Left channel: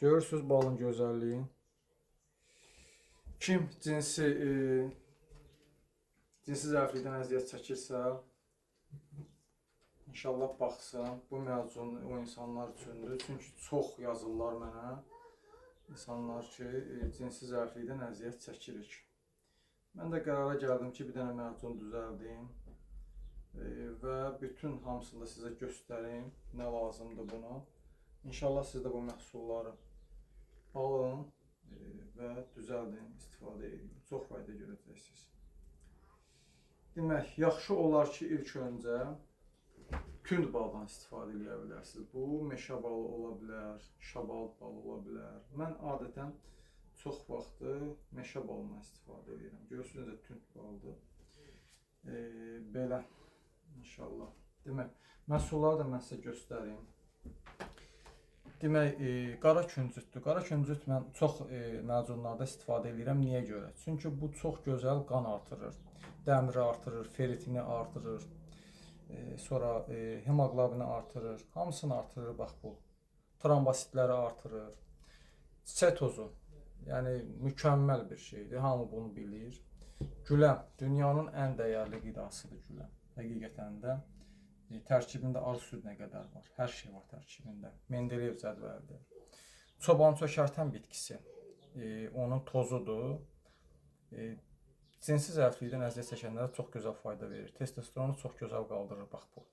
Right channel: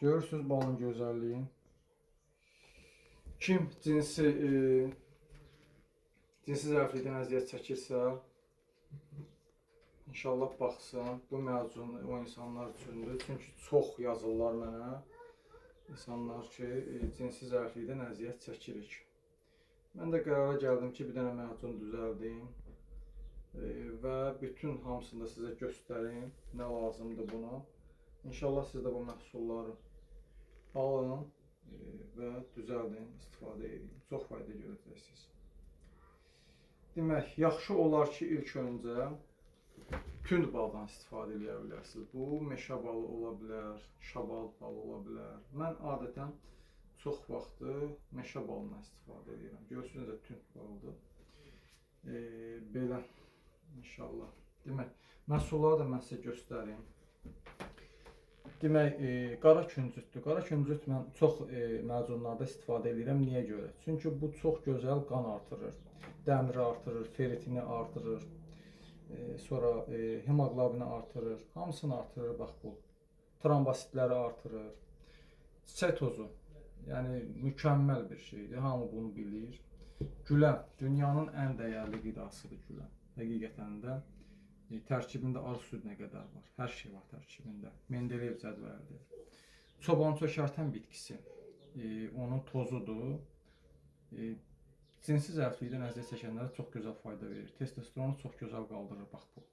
Görürsünüz balın gözəlliyi. Kim cinsi zəiflikdən əziyyət çəkirsə, inşallah baxsın. Bu məzun o insanlar üçündür. Çünki çox yazırlar mənə. İnsanlar ki, cinsi zəiflikdən əziyyət çəkirik. Mən də qərara gəldim ki, bir dənə məzun düzəldim və bütün hamısını da sizə göstərim. Nə lazımdır bunu. İnşallah siz də bu məhsulları alın və düzəldin, istifadə edin. Çox fayda görəcəksiniz. Demək, yaxşı olar ki, ilk öncə tünd baldan istifadə edə bilərsiniz. Bu, meşə balı ola bilər, şabal balı ola bilər. Mən adətən çox vaxtı meşə balından istifadə edirəm. Görürsünüz də tünd baldır. Belə, inşallah. Demək, məhsulları da mən sizə göstərim. Demək, qara küncütdür. Qara küncüt mən çox məzunlarda istifadə edirəm. Niyə görə? Çünki bu çox gözəl qan artırır. Dəmiri artırır, feritini artırır. Sonra hemoqlobini artırır. Hamısını artırır, bax bu. Trombositləri artırır. Çiçək tozu, yəni mükəmməl bir şeydir. Hamı bunu bilir. Güləm, dünyanın ən dəyərli qidasıdır güləm. Həqiqətən də tərkibində arı südünə qədər var. Hər şey var tərkibində. Mendeleyev cədvəlidir. Çoban çökərtən bitkisi. Onun tozudur. Cinsi zəiflikdən əziyyət çəkənlərə çox gözəl fayda verir. Testosteronu çox gözəl qaldırır, bax bu.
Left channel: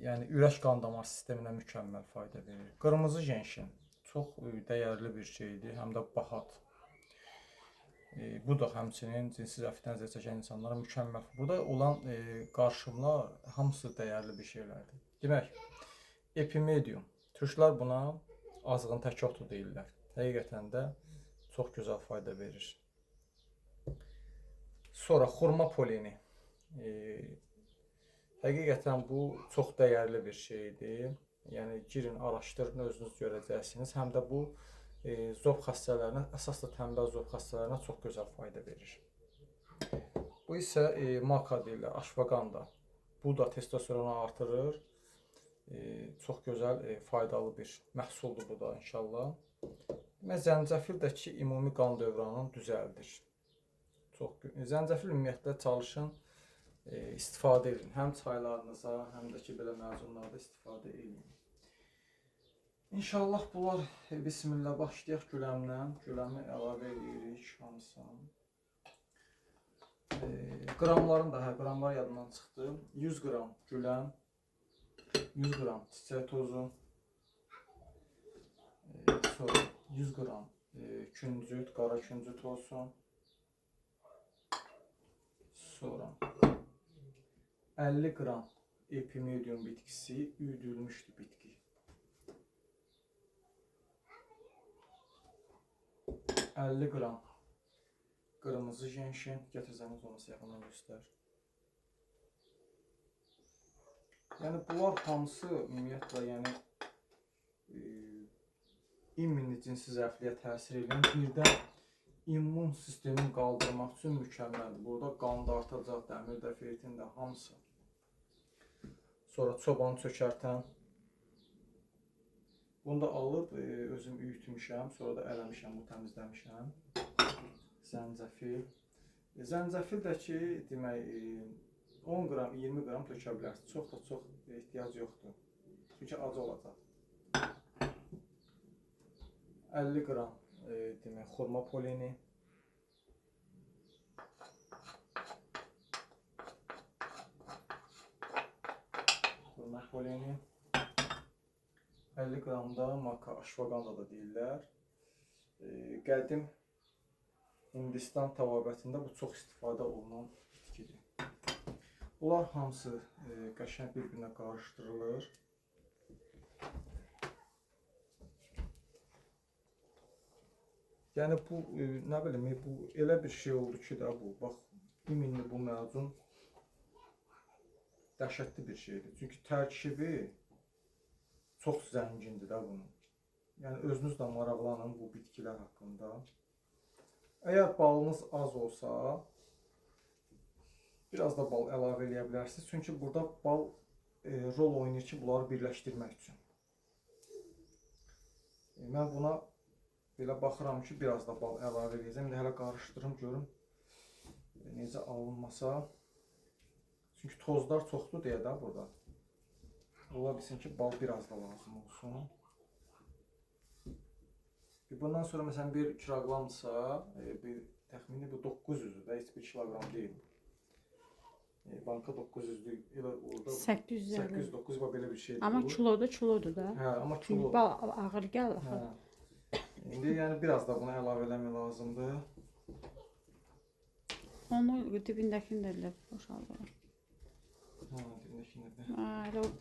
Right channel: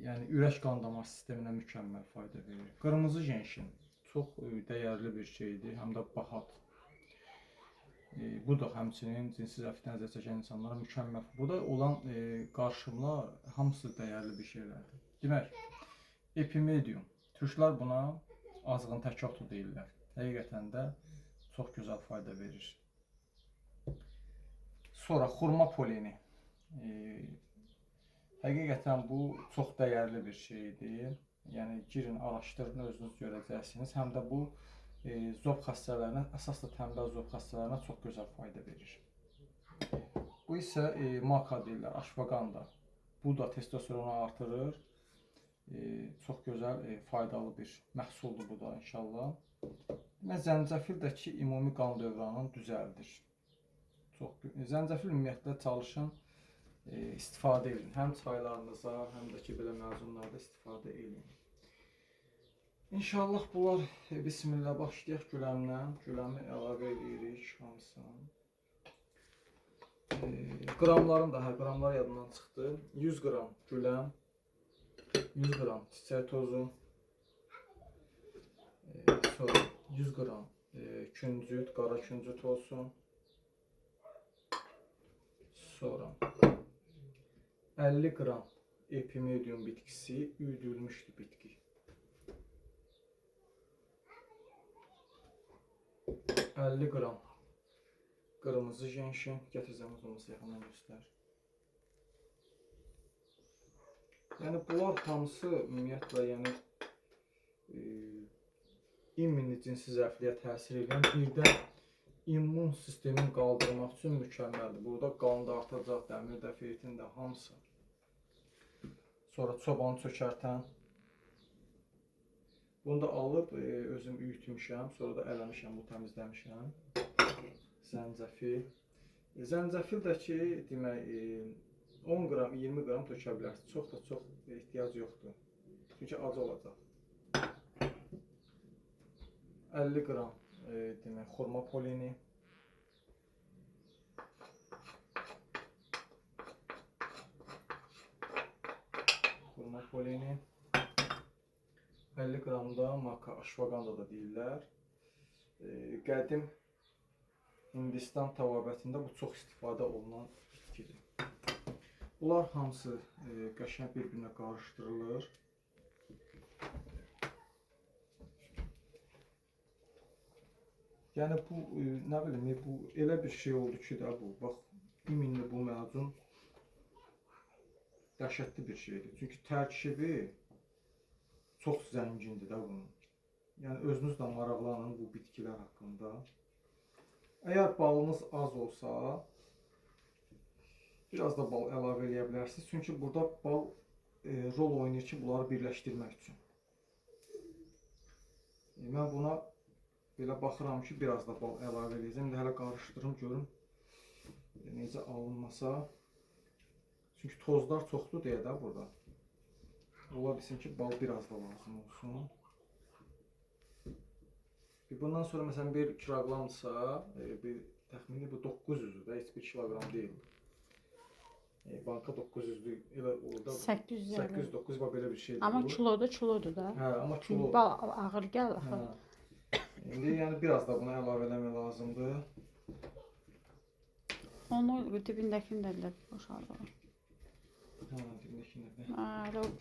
Yəni, ürək qan damar sisteminə mükəmməl fayda verir. Qırmızı jenşin çox dəyərli bir şeydir, həm də bahat. Bu da həmçinin cinsi zəiflikdən əziyyət çəkən insanlara mükəmməl. Burada olan qarışımlar hamısı dəyərli bir şeylərdir. Demək, epimedium. Türklər buna azğın tək otu deyirlər. Həqiqətən də çox gözəl fayda verir. Sonra xurma poleni. Həqiqətən bu çox dəyərli bir şeydir. Yəni, girin, araşdırın, özünüz görəcəksiniz. Həm də bu, zob xəstələrinə, əsas da tənbəl zob xəstələrinə çox gözəl fayda verir. Bu isə maka deyirlər, aşvaganda. Bu da testosteronu artırır. Çox gözəl, faydalı bir məhsuldur bu da inşallah. Zəncəfil də ki, ümumi qan dövranını düzəldir. Zəncəfil ümumiyyətlə çalışın, istifadə edin. Həm çaylarınıza, həm də ki, belə məzunlarda istifadə edin. İnşallah bunlar, bismillah, başlayaq güləmdən. Güləmi əlavə edirik hamısını. Qramların da, qramlar yadından çıxdı. 100 qram güləm, 100 qram çiçək tozu, sonra 100 qram küncüt, qara küncüt olsun. Sonra 50 qram epimedium bitkisi, üyüdülmüşdür bitki. 50 qram qırmızı jenşin, gətirsəniz olması yaxından göstər. Yəni, bunlar hamısı ümumiyyətlə, yəni, immuni cinsi zəifliyə təsir edən, birdən immun sistemin qaldırmaq üçün mükəmməldir. Burada qan da artacaq, dəmir də, feritin də, hamısı. Sonra çobanı çökərtən. Bunu da alıb, özüm üyütmüşəm, sonra da eləmişəm, bu təmizləmişəm. Zəncəfil. Zəncəfil də ki, demək, 10 qram, 20 qram tökə bilərsiniz. Çox da çox ehtiyac yoxdur. Çünki acı olacaq. 50 qram, demək, xurma poleni. Xurma poleni. 50 qram da maka, aşvaganda da deyirlər. Qədim Hindistan təbabətində bu çox istifadə olunan bitkidir. Bunlar hamısı qəşəng bir-birinə qarışdırılır. Yəni, bu, nə bilim, bu elə bir şey oldu ki də bu, bax, iminli bu məzun dəhşətli bir şeydir. Çünki tərkibi çox zəngindir də bunun. Yəni, özünüz də maraqlanın bu bitkilər haqqında. Əgər balınız az olsa, biraz da bal əlavə edə bilərsiniz. Çünki burada bal rol oynayır ki, bunları birləşdirmək üçün. Mən buna belə baxıram ki, biraz da bal əlavə edəcəm. İndi hələ qarışdırım görüm necə alınmasa. Çünki tozlar çoxdur deyə də burada. Ola bilsin ki, bal biraz da lazım olsun. Bundan sonra məsələn 1 kiloqramdırsa, təxmini bu 900-dür də, heç 1 kiloqram deyil. Banka 900'lü, elə orada 800-900 belə bir şeydir. Amma kilodur da. Hə, amma kilo. Bal ağır gəlir axı. İndi yəni biraz da buna əlavə eləmək lazımdır. Onu dibindəkini də boşaldır. Dibindəkini də.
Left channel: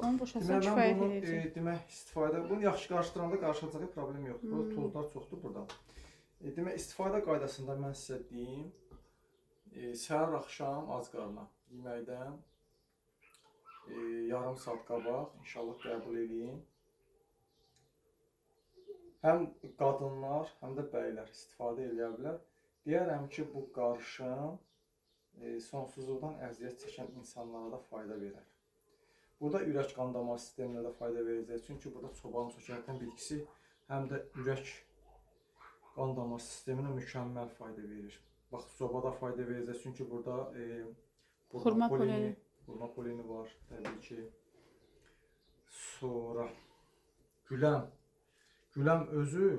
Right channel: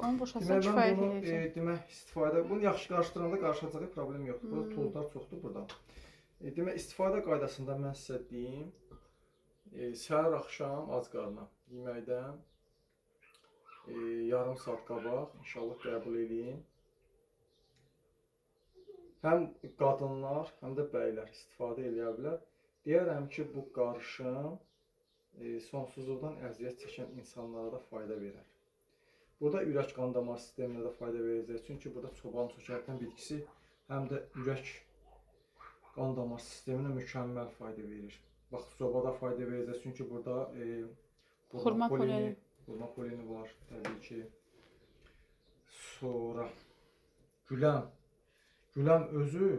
Onu boşaltsan Demək, kifayət mən bunu edəcək. istifadə, bunu yaxşı qarışdıranda qarışacağı problem yoxdur. Burada tozlar çoxdur burada. Demək, istifadə qaydasında mən sizə deyim, səhər axşam ac qarına yeməkdən yarım saat qabaq inşallah qəbul edin. Həm qadınlar, həm də bəylər istifadə edə bilər. Deyərəm ki, bu qarışım sonsuzluqdan əziyyət çəkən insanlara da fayda verər. Burada ürək qan damar sisteminə də fayda verəcək. Çünki burada çoban çökəltən bitkisi həm də ürək qan damar sisteminə mükəmməl fayda verir. Bax, sobada fayda verəcək. Çünki burada xurma polini var, təbii ki. Sonra güləm özü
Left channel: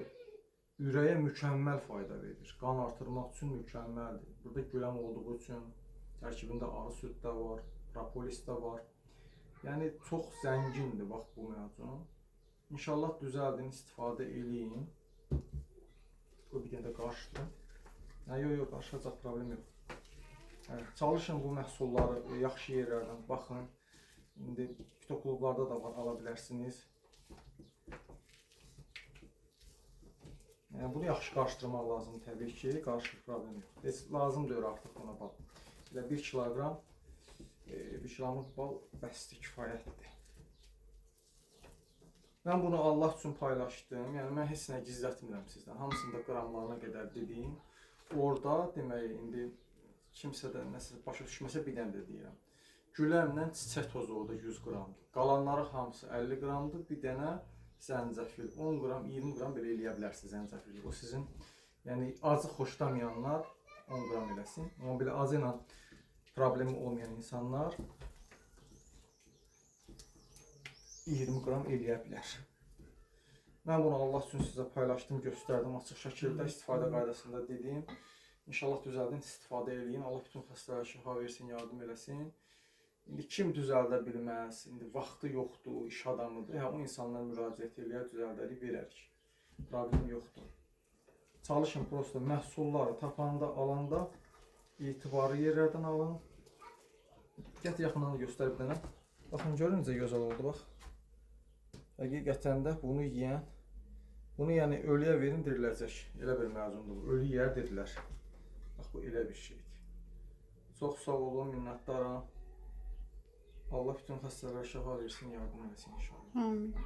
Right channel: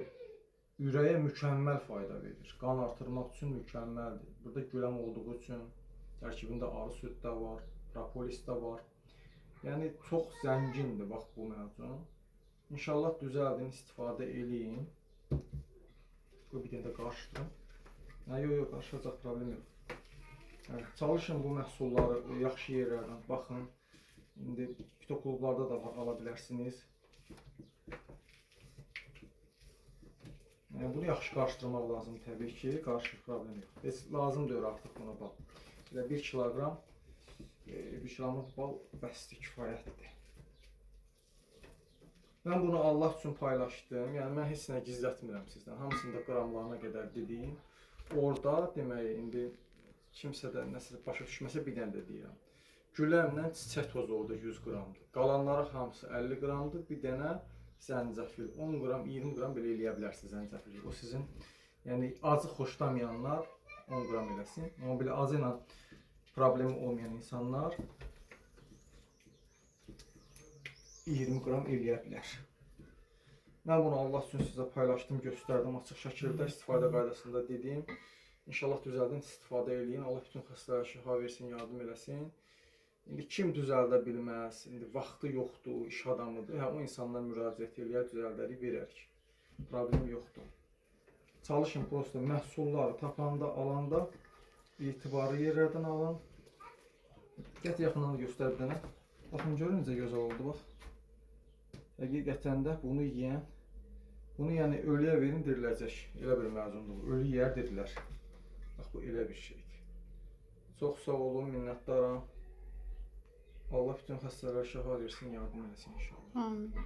ürəyə mükəmməl fayda verir. Qan artırmaq üçün mükəmməldir. Burada güləm olduğu üçün tərkibində arı süd də var, propolis də var. Yəni çox zəngindir bax bu məzun. İnşallah düzəldin, istifadə eləyin. Bu bir dənə də qarışdırın. Yox, qarışacaq, problem yox. Çalışın bu məhsulları yaxşı yerlərdən baxın. İndi fitoklublarda da var, ala bilərsiniz. Bunu yaxşı qarışdırmaq lazım təbii ki, qarışıq problem yox. Heç lazım deyil artıq buna bal. 1 kiloqram, 1 kilomuz bal bəsdir, kifayətdir. Mən bunu Allah üçün paylaşdım. Yəni mən heç nə gizlətmirəm sizdən. Hamısında qramlarına qədər dediyim. Orada demək, indi kimsə də nəsə başa düşməsə bir dənə də deyirəm. Güləmlə çiçək tozu orada 100 qramdır. Qalanları hamısı 50 qramdır. Bir dənə zəncəfil 10 qram, 20 qram belə eləyə bilərsiniz zəncəfili. O sizin, yəni acı xoşlamayanlar 10 qram eləsin. Amma belə acı ilə problemi olmayan insanlar 20 qram eləyə bilər. Mən bunu Allah üçün sizə paylaşdım, göstərdim açıq şəkildə, istifadə qaydasında dedim. İnşallah düzəldin, istifadə eləyin. Allah bütün xəstələrə şifa versin, yardım eləsin. İndi kim düzəldə bilməz, indi vaxtı yoxdur, iş adamıdır. O insanlar müraciət eləyər, düzəldərik, verərik. Problem yoxdur. Çalışın, prosto məhsulları tapanda, alanda etibarı yerlərdən alın. Gətir yaxından da göstərib dənə. Baxın, görün necə gözəl oldu, bax. Həqiqətən də bunu yeyən, bunu yəni ölüyə verin, diriləcək. Elə bir məzundur bu. Ölü yeyər dedilər. Bax, bu elə bir şeydir. Çox sağ olun, minnətdaram. Allah bütün xəstələrə şifa versin, yardım eləsin inşallah.